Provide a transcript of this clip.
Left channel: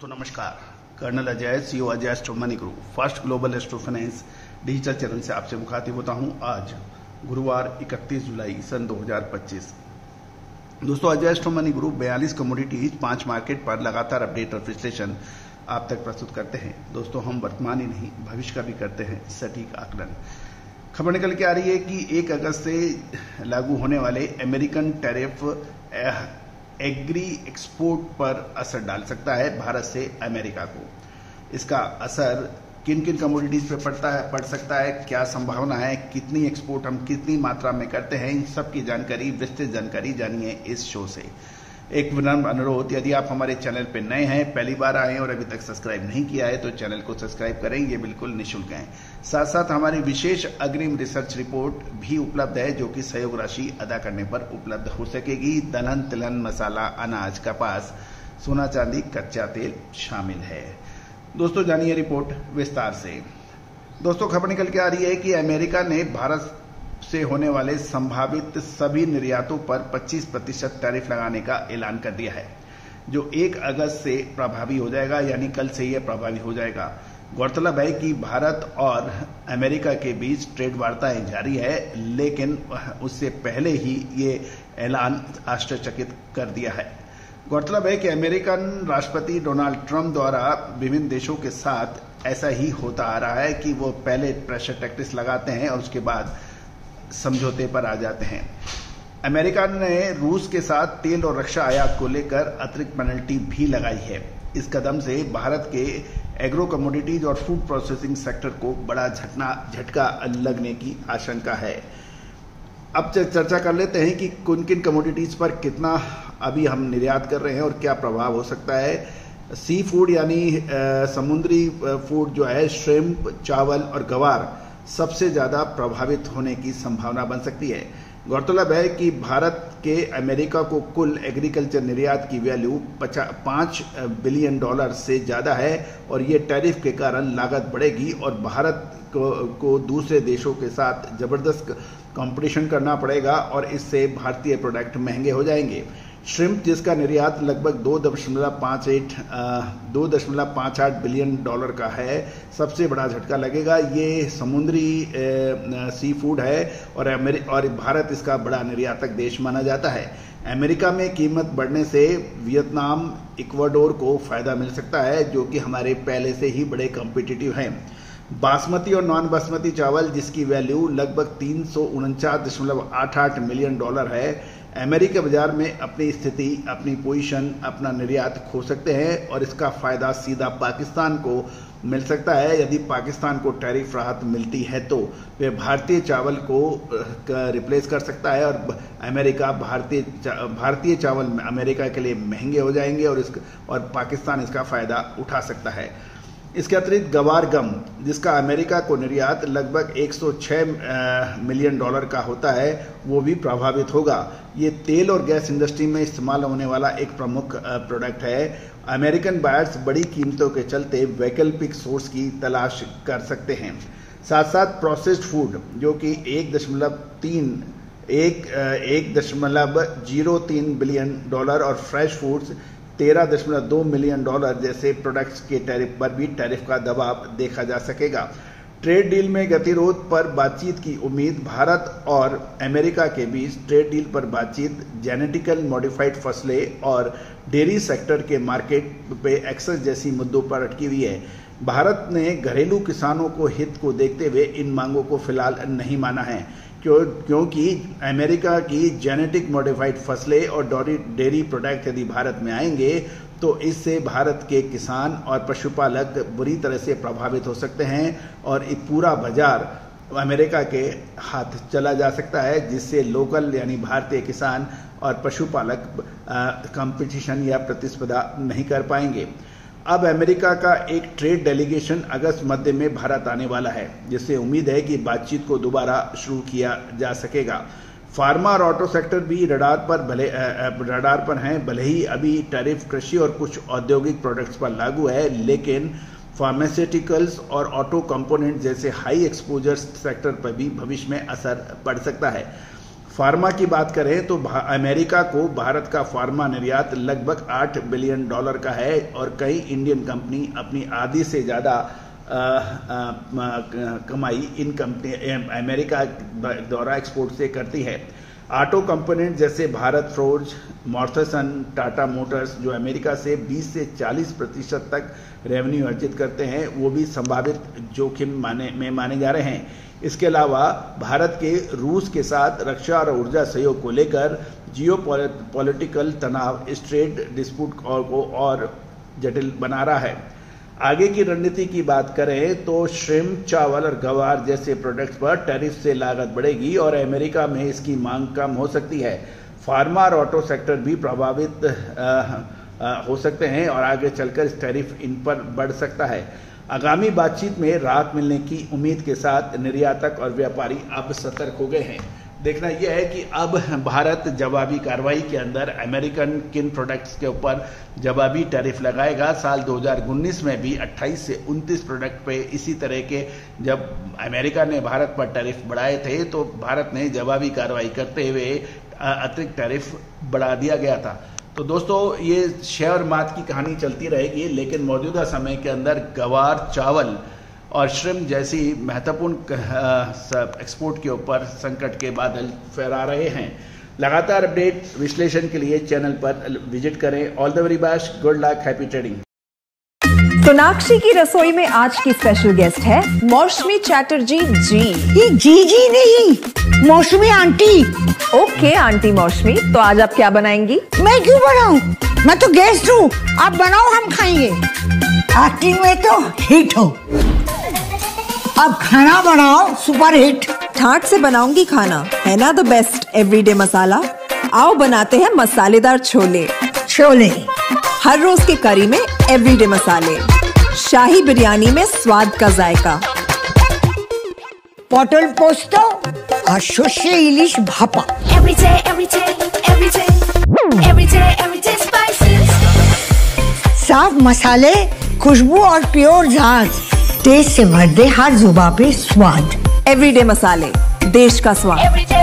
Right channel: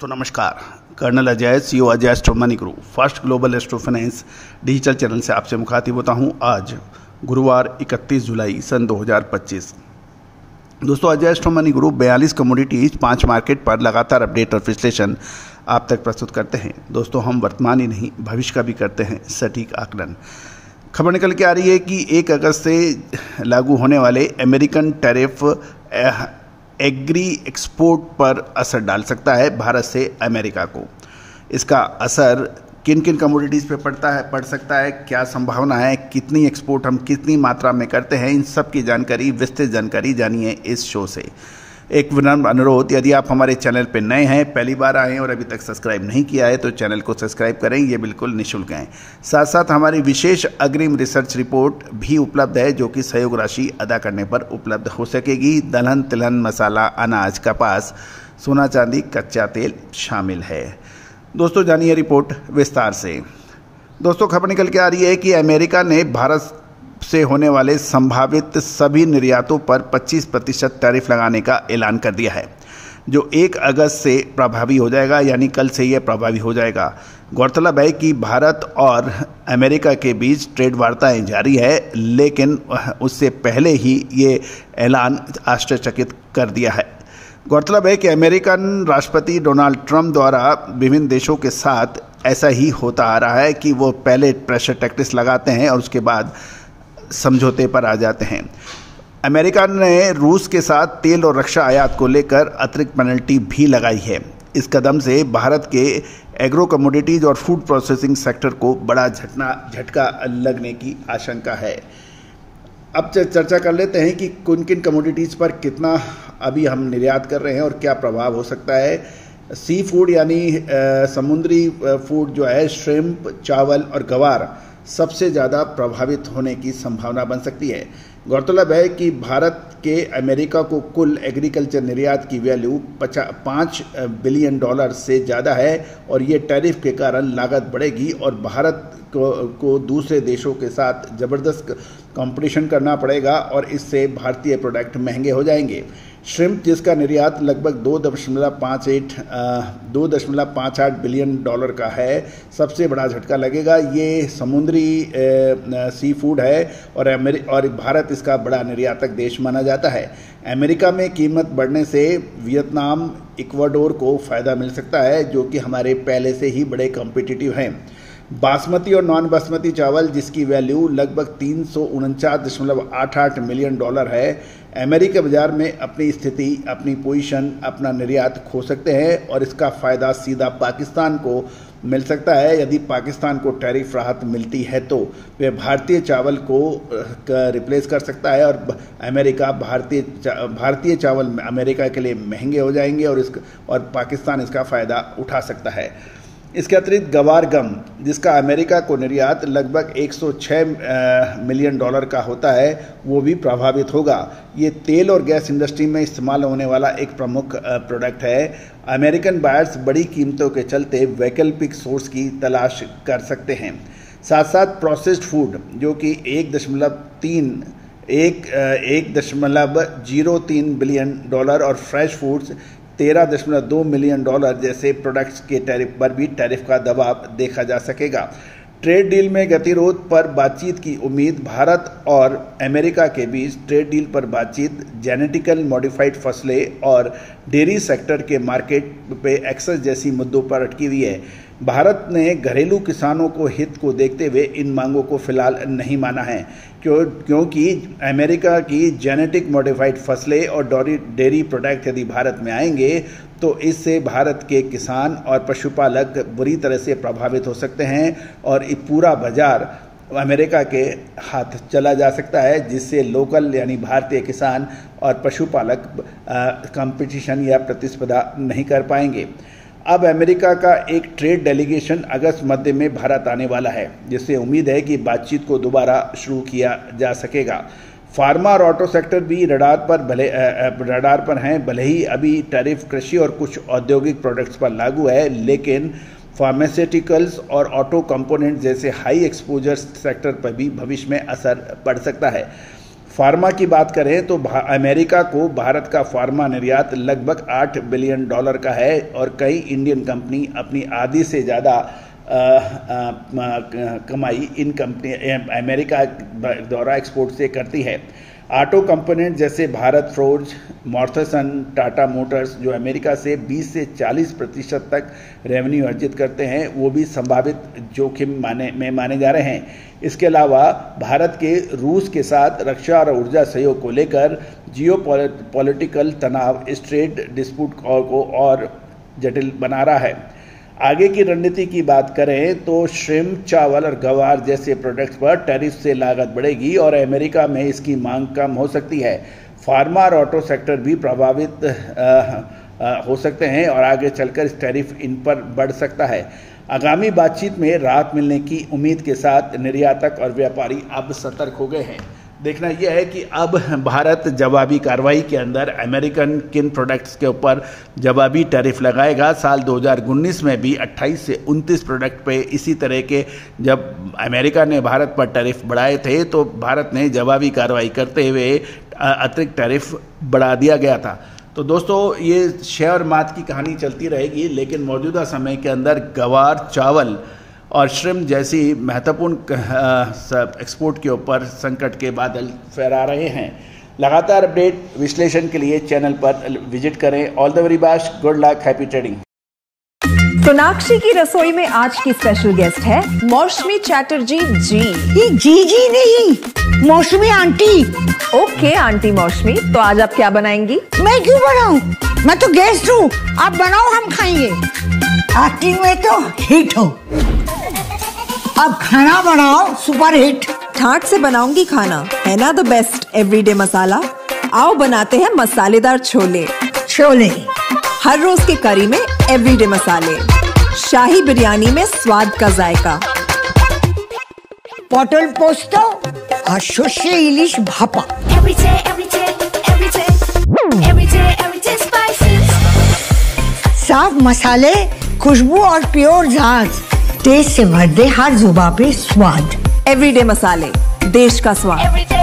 तो नमस्कार, colonel Ajay, CEO Ajay astro money guru, first global astro finance digital channel से आपसे मुखातिब होता हूं। आज गुरुवार 31 जुलाई सन 2025। दोस्तों, अजय एस्ट्रो मनी गुरु 42 कमोडिटीज 5 मार्केट पर लगातार अपडेट और विश्लेषण आप तक प्रस्तुत करते हैं। दोस्तों, हम वर्तमान ही नहीं भविष्य का भी करते हैं सटीक आकलन। खबर निकल के आ रही है कि 1 अगस्त से लागू होने वाले अमेरिकन टैरिफ एग्री एक्सपोर्ट पर असर डाल सकता है भारत से अमेरिका को। इसका असर किन किन कमोडिटीज़ पे पड़ सकता है, क्या संभावना है, कितनी एक्सपोर्ट हम कितनी मात्रा में करते हैं, इन सब की जानकारी, विस्तृत जानकारी जानिए इस शो से। एक विनम्र अनुरोध, यदि आप हमारे चैनल पे नए हैं, पहली बार आए हैं और अभी तक सब्सक्राइब नहीं किया है तो चैनल को सब्सक्राइब करें, ये बिल्कुल निःशुल्क है। साथ साथ हमारी विशेष अग्रिम रिसर्च रिपोर्ट भी उपलब्ध है जो कि सहयोग राशि अदा करने पर उपलब्ध हो सकेगी। दलहन, तिलहन, मसाला, अनाज, कपास, सोना चांदी, कच्चा तेल शामिल है। दोस्तों, जानिए रिपोर्ट विस्तार से। दोस्तों, खबर निकल के आ रही है कि अमेरिका ने भारत से होने वाले संभावित सभी निर्यातों पर 25% टैरिफ लगाने का ऐलान कर दिया है, जो 1 अगस्त से प्रभावी हो जाएगा, यानी कल से यह प्रभावी हो जाएगा। गौरतलब है कि भारत और अमेरिका के बीच ट्रेड वार्ताएं जारी है, लेकिन उससे पहले ही ये ऐलान आश्चर्यचकित कर दिया है। गौरतलब है कि अमेरिकन राष्ट्रपति डोनाल्ड ट्रंप द्वारा विभिन्न देशों के साथ ऐसा ही होता आ रहा है कि वो पहले प्रेशर टैक्स लगाते हैं और उसके बाद समझौते पर आ जाते हैं। अमेरिका ने रूस के साथ तेल और रक्षा आयात को लेकर अतिरिक्त पेनल्टी भी लगाई है। इस कदम से भारत के एग्रो कमोडिटीज और फूड प्रोसेसिंग सेक्टर को बड़ा झटका लगने की आशंका है। अब चर्चा कर लेते हैं कि किन किन कमोडिटीज पर कितना अभी हम निर्यात कर रहे हैं और क्या प्रभाव हो सकता है। सी फूड यानी समुद्री फूड जो है, श्रिम्प, चावल और गवार सबसे ज़्यादा प्रभावित होने की संभावना बन सकती है। गौरतलब है कि भारत के अमेरिका को कुल एग्रीकल्चर निर्यात की वैल्यू $5 बिलियन से ज़्यादा है और ये टैरिफ के कारण लागत बढ़ेगी और भारत को दूसरे देशों के साथ ज़बरदस्त कंपटीशन करना पड़ेगा और इससे भारतीय प्रोडक्ट महंगे हो जाएंगे। श्रिम्प, जिसका निर्यात लगभग $2.58 बिलियन का है, सबसे बड़ा झटका लगेगा। ये समुद्री सी फूड है और भारत इसका बड़ा निर्यातक देश माना जाता है। अमेरिका में कीमत बढ़ने से वियतनाम, इक्वाडोर को फ़ायदा मिल सकता है, जो कि हमारे पहले से ही बड़े कॉम्पिटिटिव हैं। बासमती और नॉन बासमती चावल, जिसकी वैल्यू लगभग $349.88 मिलियन है, अमेरिकी बाजार में अपनी स्थिति, अपनी पोजीशन, अपना निर्यात खो सकते हैं और इसका फ़ायदा सीधा पाकिस्तान को मिल सकता है। यदि पाकिस्तान को टैरिफ राहत मिलती है तो वे भारतीय चावल को रिप्लेस कर सकता है और भारतीय चावल अमेरिका के लिए महंगे हो जाएंगे और पाकिस्तान इसका फ़ायदा उठा सकता है। इसके अतिरिक्त गवार गम, जिसका अमेरिका को निर्यात लगभग $106 मिलियन का होता है, वो भी प्रभावित होगा। ये तेल और गैस इंडस्ट्री में इस्तेमाल होने वाला एक प्रमुख प्रोडक्ट है। अमेरिकन बायर्स बड़ी कीमतों के चलते वैकल्पिक सोर्स की तलाश कर सकते हैं। साथ साथ प्रोसेस्ड फूड, जो कि $1.03 बिलियन और फ्रेश फूड्स $13.2 मिलियन जैसे प्रोडक्ट्स के टैरिफ पर भी टैरिफ का दबाव देखा जा सकेगा। ट्रेड डील में गतिरोध पर बातचीत की उम्मीद। भारत और अमेरिका के बीच ट्रेड डील पर बातचीत जेनेटिकल मॉडिफाइड फसलें और डेयरी सेक्टर के मार्केट पे एक्सेस जैसी मुद्दों पर अटकी हुई है। भारत ने घरेलू किसानों को हित को देखते हुए इन मांगों को फिलहाल नहीं माना है, क्योंकि अमेरिका की जेनेटिक मॉडिफाइड फसलें और डेयरी प्रोडक्ट यदि भारत में आएंगे तो इससे भारत के किसान और पशुपालक बुरी तरह से प्रभावित हो सकते हैं और ये पूरा बाजार अमेरिका के हाथ चला जा सकता है, जिससे लोकल यानी भारतीय किसान और पशुपालक कंपटीशन या प्रतिस्पर्धा नहीं कर पाएंगे। अब अमेरिका का एक ट्रेड डेलीगेशन अगस्त मध्य में भारत आने वाला है, जिससे उम्मीद है कि बातचीत को दोबारा शुरू किया जा सकेगा। फार्मा और ऑटो सेक्टर भी रडार पर हैं। भले ही अभी टैरिफ कृषि और कुछ औद्योगिक प्रोडक्ट्स पर लागू है, लेकिन फार्मास्यूटिकल्स और ऑटो कंपोनेंट जैसे हाई एक्सपोजर सेक्टर पर भी भविष्य में असर पड़ सकता है। फार्मा की बात करें तो अमेरिका को भारत का फार्मा निर्यात लगभग $8 बिलियन का है और कई इंडियन कंपनी अपनी आधी से ज़्यादा कमाई इन कंपनी अमेरिका द्वारा एक्सपोर्ट से करती है। ऑटो कंपोनेंट जैसे भारत फोर्ज, मॉर्थिसन, टाटा मोटर्स जो अमेरिका से 20 से 40% तक रेवेन्यू अर्जित करते हैं, वो भी संभावित जोखिम में माने जा रहे हैं। इसके अलावा भारत के रूस के साथ रक्षा और ऊर्जा सहयोग को लेकर जियोपॉलिटिकल तनाव इस ट्रेड डिस्प्यूट को और जटिल बना रहा है। आगे की रणनीति की बात करें तो श्रिम्प, चावल और गवार जैसे प्रोडक्ट्स पर टैरिफ से लागत बढ़ेगी और अमेरिका में इसकी मांग कम हो सकती है। फार्मा और ऑटो सेक्टर भी प्रभावित हो सकते हैं और आगे चलकर इस टैरिफ इन पर बढ़ सकता है। आगामी बातचीत में राहत मिलने की उम्मीद के साथ निर्यातक और व्यापारी अब सतर्क हो गए हैं। देखना यह है कि अब भारत जवाबी कार्रवाई के अंदर अमेरिकन किन प्रोडक्ट्स के ऊपर जवाबी टैरिफ लगाएगा। साल 2019 में भी 28 से 29 प्रोडक्ट पे इसी तरह के जब अमेरिका ने भारत पर टैरिफ बढ़ाए थे तो भारत ने जवाबी कार्रवाई करते हुए अतिरिक्त टैरिफ बढ़ा दिया गया था। तो दोस्तों ये शेयर और मात की कहानी चलती रहेगी, लेकिन मौजूदा समय के अंदर गवार, चावल और श्रिम्प जैसी महत्वपूर्ण एक्सपोर्ट के ऊपर संकट के बादल फहरा रहे हैं। लगातार अपडेट विश्लेषण के लिए चैनल पर विजिट करें। All the very best, good luck, happy trading. Sonakshi की रसोई में आज की स्पेशल गेस्ट है मौसमी चैटर्जी जी। ये जी नहीं, मौसमी आंटी। ओके आंटी मौसमी, तो आज आप क्या बनाएंगी? मैं क्यों बनाऊं? मैं तो गेस्ट हूँ, आप बनाओ, हम खाएंगे। एक्टिंग में तो हिट हो, अब खाना बनाओ सुपर हिट। ठाट से बनाऊंगी खाना, है ना द बेस्ट एवरीडे मसाला। आओ बनाते हैं मसालेदार छोले। हर रोज की करी में एवरीडे मसाले, शाही बिरयानी में स्वाद का जायका। पटल पोस्तो और शुष्य इलिश भापा। साफ मसाले, खुशबू और प्योर झांझ, टेस्ट से भर दे हर जुबान पे स्वाद। एवरीडे मसाले, देश का स्वाद।